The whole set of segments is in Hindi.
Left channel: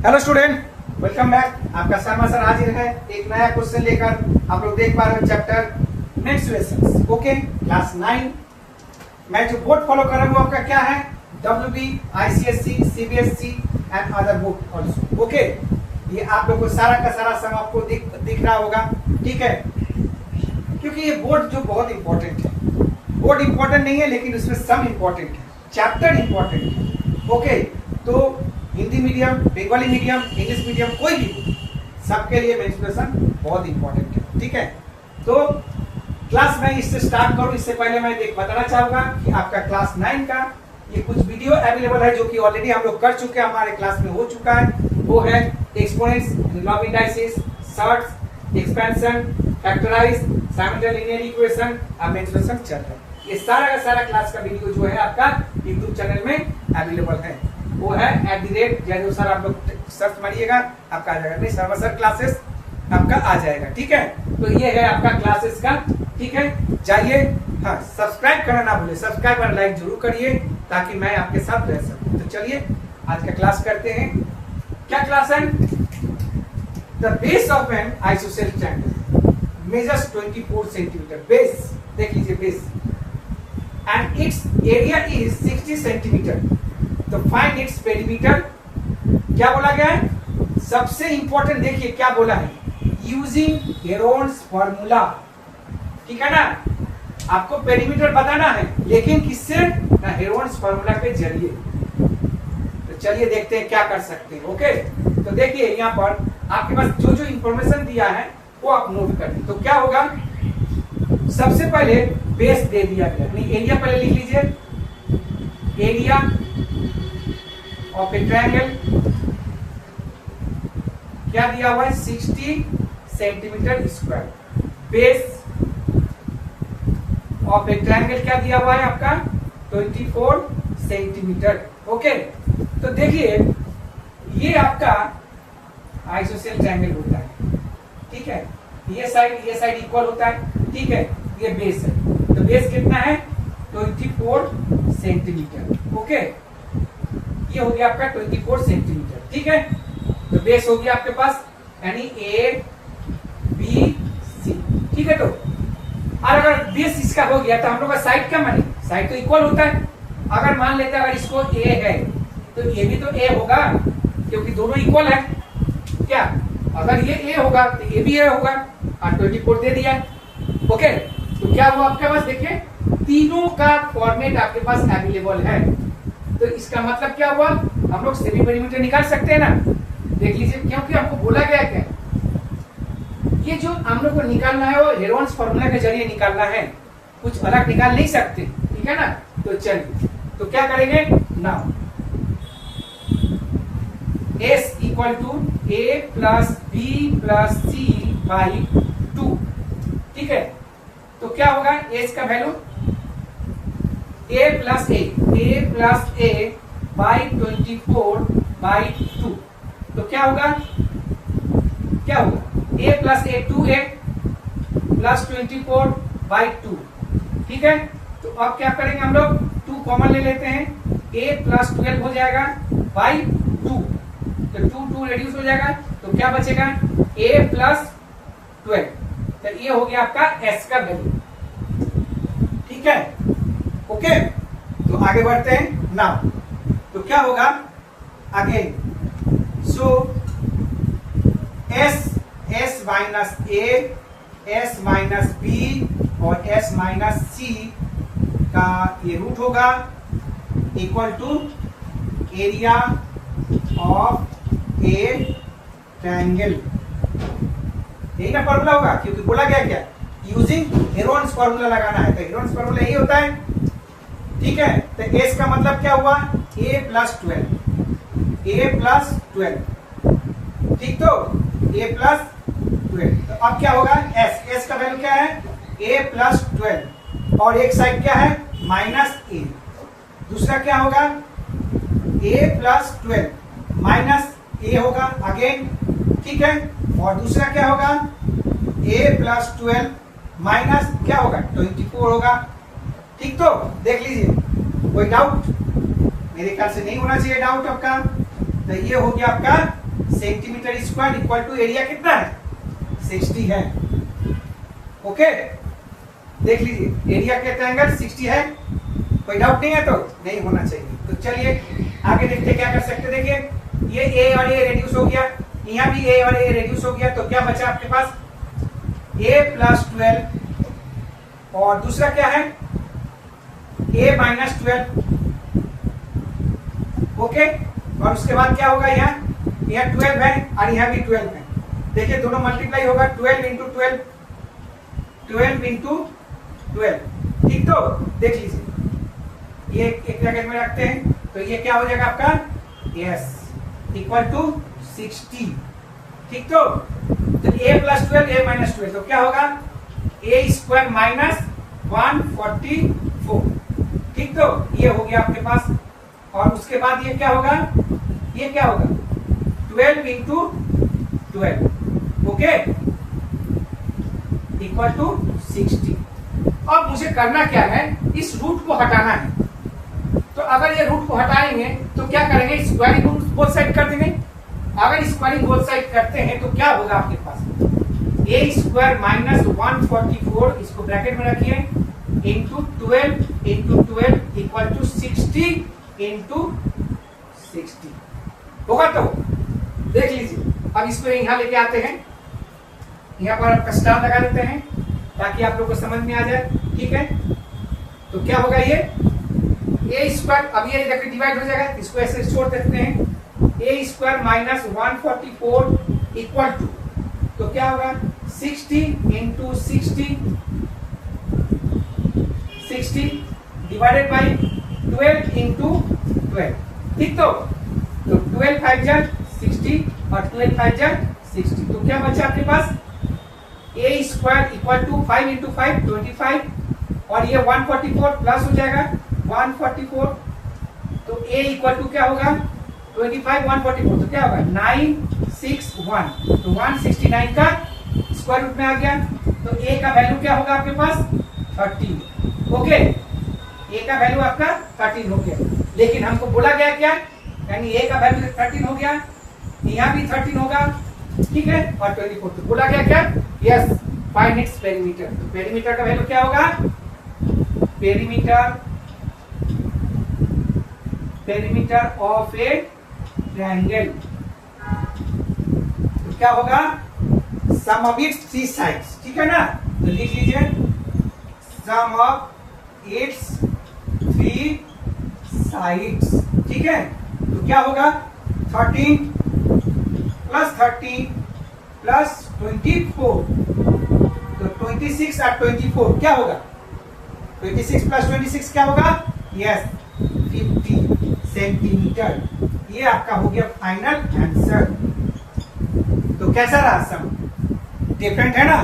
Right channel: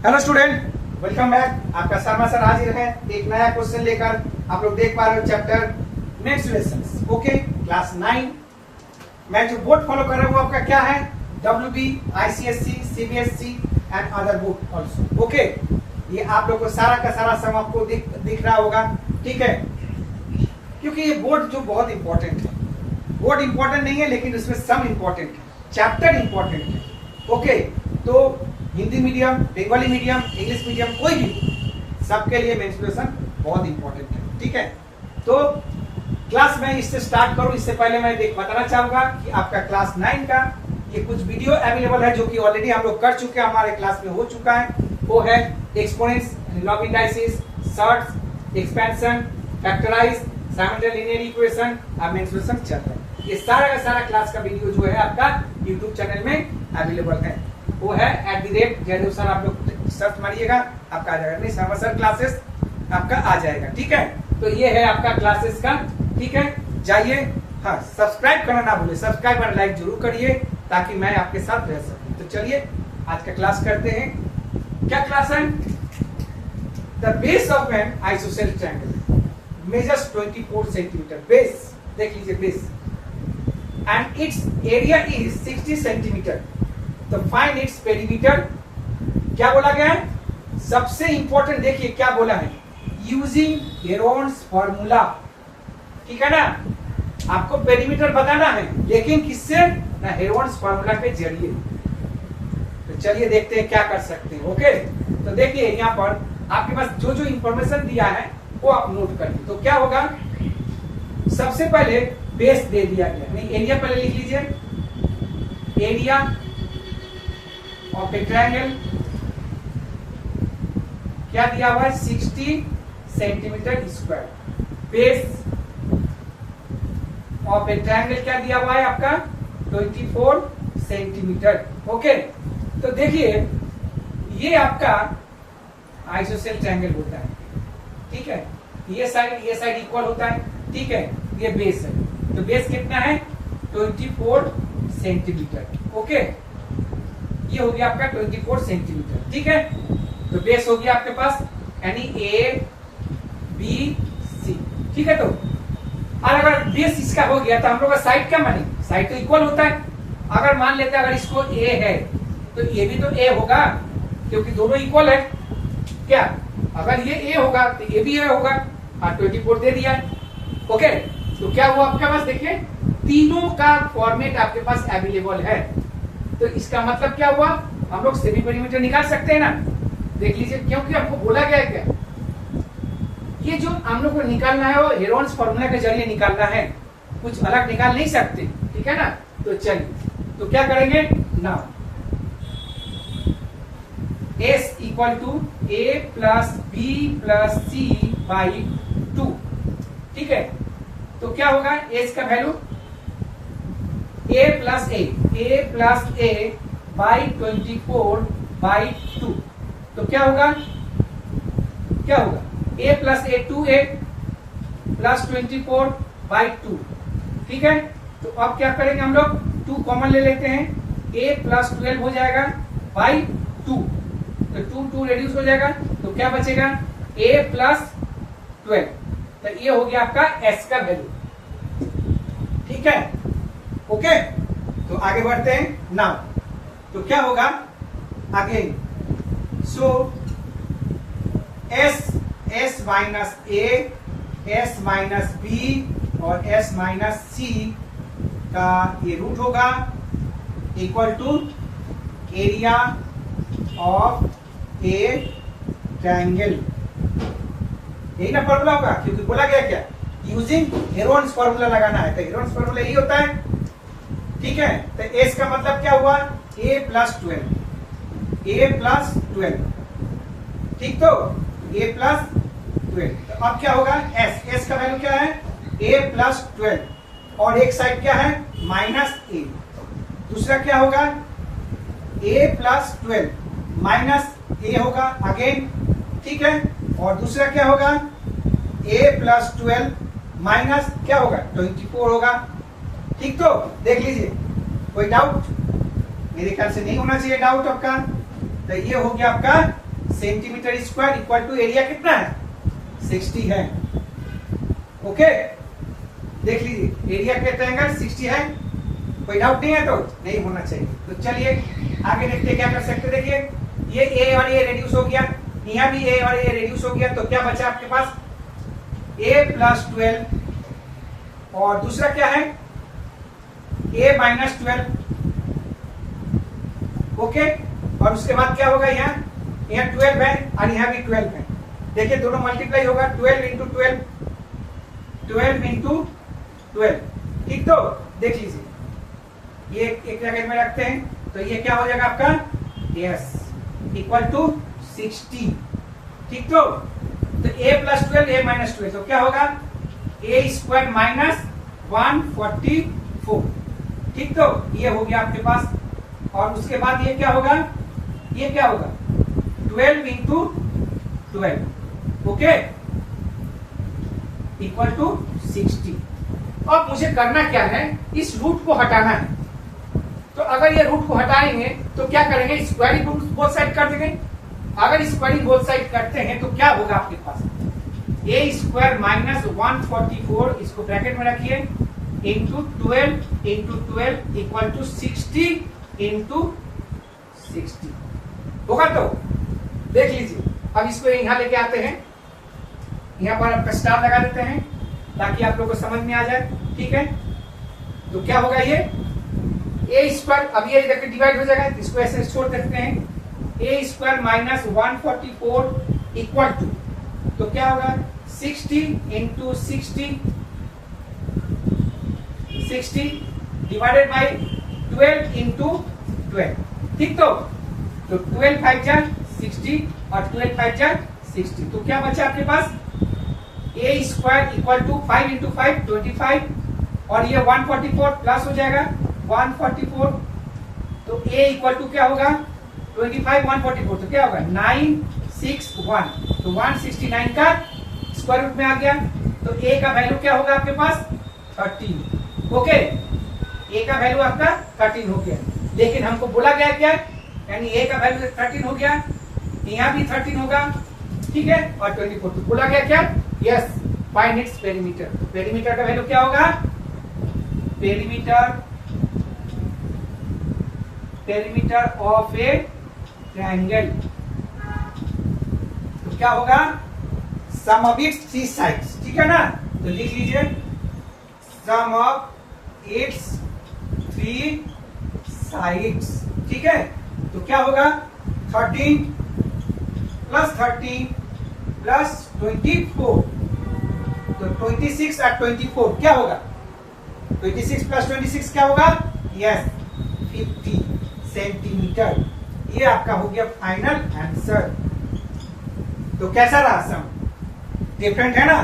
Hello student, welcome back. आपका शर्मा सर हाजिर है एक नया क्वेश्चन लेकर। आप लोग देख पा रहे हो चैप्टर मेंस्ट्रुएशंस, ओके, क्लास 9। मैं जो बोर्ड फॉलो कर रहा हूँ वो आपका क्या है? WB, ICSC, CBSC and other board also, okay. ये आप लोग को सारा का सारा सम आपको दिख रहा होगा, ठीक है। क्योंकि ये बोर्ड जो बहुत इंपॉर्टेंट है, बोर्ड इंपॉर्टेंट नहीं है लेकिन इसमें सम इंपॉर्टेंट है, चैप्टर इंपॉर्टेंट है, ओके। तो Hindi medium, Bengali medium, English medium, कोई भी, सबके लिए मेंस्ट्रुएशन बहुत इंपॉर्टेंट है, ठीक है। तो क्लास में इससे स्टार्ट करूं इससे पहले मैं बताना चाहूंगा कि आपका क्लास 9 का ये कुछ वीडियो अवेलेबल है जो कि ऑलरेडी हम लोग कर चुके हैं, हमारे क्लास में हो चुका है। वो है exponents, log indices, surds, expansion, factorise, simultaneous linear equation और मेंस्ट्रुएशन चैप्टर। ये सारा का सारा क्लास का वीडियो जो है आपका यूट्यूब चैनल में अवेलेबल है। वो है @ सर, आप लोग सर्च मारिएगा आपका आ जाएगा, नहीं शर्मा सर क्लासेस आपका आ जाएगा, ठीक है। तो ये है आपका क्लासेस का, ठीक है। जाइए, हाँ, सब्सक्राइब करना ना भूले, सब्सक्राइब और लाइक जरूर करिए ताकि मैं आपके साथ रह सकूं। तो चलिए आज का क्लास करते हैं। क्या क्लास है? The base of N isosceles triangle measures 24 centimetre. Base देख लीजिए, base and it's area is 60 centimetre. तो फाइंड इट्स पेरीमीटर। क्या बोला गया है? सबसे इंपॉर्टेंट देखिए क्या बोला है, यूजिंग हेरोन्स फॉर्मूला, ठीक है ना। आपको पेरीमीटर बताना है लेकिन किससे? ना, हेरोन्स फॉर्मूला के जरिए। तो चलिए देखते हैं क्या कर सकते हैं, ओके। तो देखिए यहाँ पर आपके पास जो जो इंफॉर्मेशन दिया है वो आप नोट कर लीजिए। तो क्या होगा, सबसे पहले बेस दे दिया गया, नहीं एरिया पहले लिख लीजिए। एरिया ऑफ ए ट्रायंगल क्या दिया हुआ है? 60 centimetre square. Base of a triangle क्या दिया हुआ है आपका? 24 सेंटीमीटर, ओके। तो देखिए ये आपका आइसोसेलेस ट्रायंगल होता है, ठीक है। ये साइड इक्वल होता है, ठीक है। ये बेस है, तो बेस कितना है? 24 सेंटीमीटर, ओके। ये हो गया आपका 24 सेंटीमीटर, ठीक है। तो बेस हो गया आपके पास, यानी ABC, ठीक है। तो और अगर बेस इसका हो गया तो हम लोग का साइड क्या माने? साइड तो इक्वल होता है। अगर मान लेते हैं अगर इसको A है तो ये भी तो A होगा क्योंकि दोनों इक्वल है। क्या अगर ये A होगा तो ये भी A होगा और 24 दे दिया, ओके। तो क्या हुआ आपके पास? देखिए तीनों का फॉर्मेट आपके पास अवेलेबल है। तो इसका मतलब क्या हुआ, हम लोग सेमी पेरीमीटर निकाल सकते हैं ना। देख लीजिए, क्योंकि हमको बोला गया क्या, ये जो हम लोग को निकालना है वो हेरोन्स फॉर्मूला के जरिए निकालना है, कुछ अलग निकाल नहीं सकते, ठीक है ना। तो चलिए, तो क्या करेंगे now, S equal to A plus B plus C by 2, ठीक है। तो क्या होगा S का value? A plus A by 24 by 2। तो क्या होगा, क्या होगा? A plus A 2A plus 24 by 2, ठीक है। तो अब क्या करेंगे हम लोग? 2 कॉमन ले लेते हैं, A प्लस 12 हो जाएगा बाई 2। तो 2 रेड्यूस हो जाएगा, तो क्या बचेगा? A plus 12। तो ये हो गया आपका S का वैल्यू, ठीक है, ओके। तो आगे बढ़ते हैं नाउ। तो क्या होगा again, so S minus A, S minus B और S माइनस C का ये रूट होगा equal to area of a triangle. यही ना फॉर्मूला होगा, क्योंकि बोला गया क्या, यूजिंग हेरोन्स फॉर्मूला लगाना है। तो हेरोन्स फॉर्मूला यही होता है, ठीक है। तो S का मतलब क्या हुआ? A प्लस 12, ठीक। तो A प्लस 12, तो अब क्या होगा? S का वैल्यू क्या है? A प्लस 12 और एक साइड क्या है? Minus A। दूसरा क्या होगा? A प्लस 12 माइनस A होगा अगेन, ठीक है। और दूसरा क्या होगा? A प्लस 12 माइनस क्या होगा? 24 होगा, ठीक। तो देख लीजिए, कोई डाउट? मेरे ख्याल से नहीं होना चाहिए डाउट आपका। तो ये हो गया आपका centimetre square equal to area कितना है 60 है। ओके देख लीजिए एरिया के ट्रायंगल 60 है, कोई डाउट नहीं है तो नहीं होना चाहिए। तो चलिए आगे देखते क्या कर सकते। देखिए ये ए और ए रेड्यूस हो गया, यहाँ भी ए और ए रेड्यूस हो गया, तो क्या बचा आपके पास a प्लस 12 और दूसरा क्या है a माइनस 12। ओके और उसके बाद क्या होगा यहाँ 12 है और यहाँ भी 12 है। देखिए दोनों मल्टीप्लाई होगा 12 इंटू 12 12 इंटू 12। ठीक तो देख लीजिए ये एक ब्रैकेट में रखते हैं तो ये क्या हो जाएगा आपका यस इक्वल टू 60। ठीक तो a प्लस 12 a माइनस 12 तो क्या होगा a स्क्वायर माइनस 144। ठीक तो ये हो गया आपके पास। और उसके बाद ये क्या होगा 12 इंटू 12 ओके इक्वल टू 60। अब मुझे करना क्या है इस रूट को हटाना है। तो अगर ये रूट को हटाएंगे तो क्या करेंगे स्क्वायरिंग बोथ साइड कर देंगे। अगर स्क्वायरिंग बोथ साइड करते हैं तो क्या होगा आपके पास a स्क्वायर माइनस 144 इसको ब्रैकेट में रखिए इंटू 12 इक्वल टू 60 इंटू 60 होगा। तो देख लीजिए अब इसको यहाँ लेके आते हैं, यहाँ पर आपका स्टार लगा देते हैं ताकि आप लोगों को समझ में आ जाए। ठीक है तो क्या होगा ये a स्क्वायर, अब ये देखिए डिवाइड हो जाएगा इसको ऐसे छोड़ देते हैं a square minus 144 equal to तो क्या होगा 60 इंटू 60 डिवाइडेड बाई 12 इंटू 12। ठीक तो 12 5 जा 60 और 12 5 जा 60 तो क्या बचा आपके पास a square equal to 5 into 5 25 और ये 144 प्लस हो जाएगा 144 तो a इक्वल टू क्या होगा 25 144 तो क्या होगा 961 तो 169 का स्क्वायर रूट में आ गया। तो a का वैल्यू क्या होगा आपके पास 13। ओके a का वैल्यू आपका 13 हो गया, लेकिन हमको बोला गया क्या यानी a का वैल्यू 13 हो गया, यहाँ भी 13 होगा। ठीक है और 24 तो बोला गया क्या यस फाइंड इट्स पेरीमीटर। तो पेरीमीटर का वैल्यू क्या होगा पेरीमीटर ऑफ ए ट्रायंगल तो क्या होगा सम ऑफ इट्स 3 साइड्स। ठीक है ना तो लिख लीजिए सम ऑफ इट्स 3 साइड्स। ठीक है तो क्या होगा 13 प्लस 13 प्लस 24 तो 26 और 24 क्या होगा 26 प्लस 26 क्या होगा यस 50 सेंटीमीटर। ये आपका हो गया फाइनल आंसर। तो कैसा रहा सम डिफरेंट है ना।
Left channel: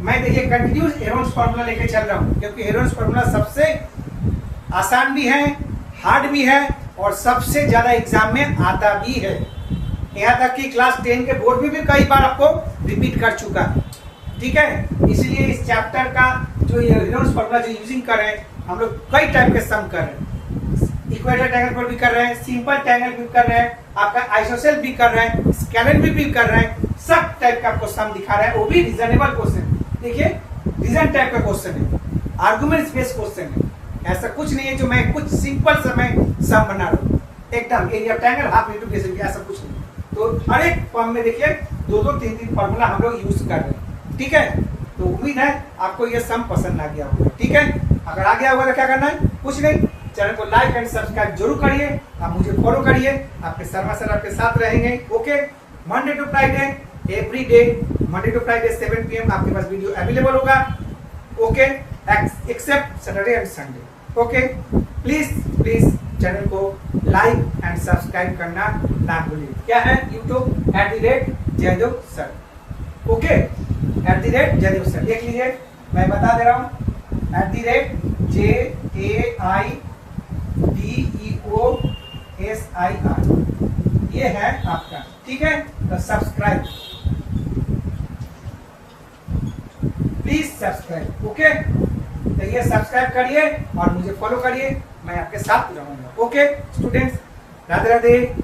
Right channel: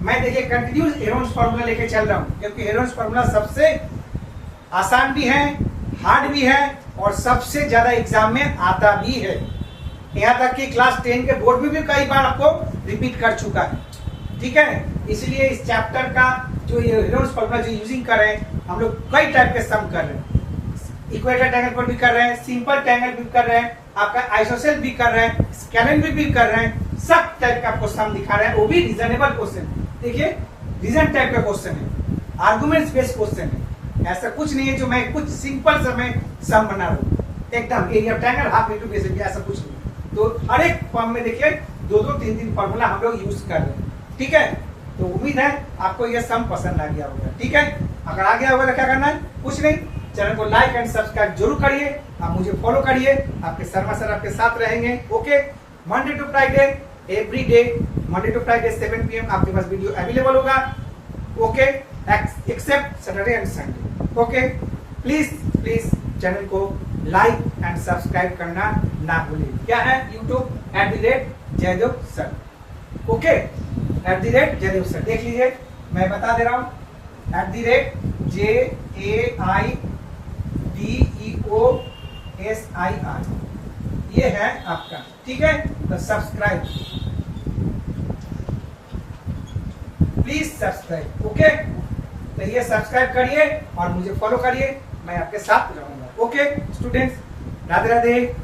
मैं देखिए कंटिन्यूस हेरोन्स फॉर्मूला लेके चल रहा हूं क्योंकि हेरोन्स फॉर्मूला सबसे आसान भी है हार्ड भी है और सबसे ज्यादा एग्जाम में आता भी है। यहाँ तक कि क्लास 10 के बोर्ड में भी कई बार आपको रिपीट कर चुका है। ठीक है इसलिए इस चैप्टर का जो ये हेरोन्स फॉर्मूला जो यूजिंग कर रहे हैं हम लोग कई टाइप के सम कर रहे हैं। इक्वेटर ट्रायंगल पर भी कर रहे हैं, सिंपल ट्रायंगल भी कर रहे हैं, आपका आइसोसेल भी कर रहे हैं, स्केलेन भी कर रहे हैं, सब टाइप का आपको सम दिखा रहे हैं वो भी रीजनेबल क्वेश्चन। देखिए रीजन टाइप का क्वेश्चन है, आर्गुमेंट्स बेस्ड क्वेश्चन है, ऐसा कुछ नहीं है जो मैं कुछ सिंपल सा मैं सम बना रहा हूँ एकदम area triangle half metre basis ऐसा कुछ नहीं। तो हर एक फॉर्म में देखिए 2-2 3-3 फॉर्मूला हम लोग यूज कर रहे हैं। ठीक है तो उम्मीद है आपको यह सम पसंद आ गया होगा। ठीक है अगर आ गया होगा तो क्या करना है कुछ नहीं, चैनल को लाइक एंड सब्सक्राइब जरूर करिए, आप मुझे फॉलो करिए, आपके शर्मा सर आपके साथ रहेंगे। Okay Monday to Friday every day Monday to Friday 7 PM आपके पास वीडियो अवेलेबल होगा। Okay except Saturday and Sunday. Okay please channel को लाइक एंड सब्सक्राइब करना ना भूलिए। क्या है YouTube @Jaidev sir. Okay @Jaidev sir देख लीजिए मैं बता दे रहा हूँ JAIDEOSIR ये है आपका। ठीक है तो सब्सक्राइब प्लीज सब्सक्राइब। ओके तो ये सब्सक्राइब करिए और मुझे फॉलो करिए, मैं आपके साथ रहूंगा। Okay students Radhe Radhe.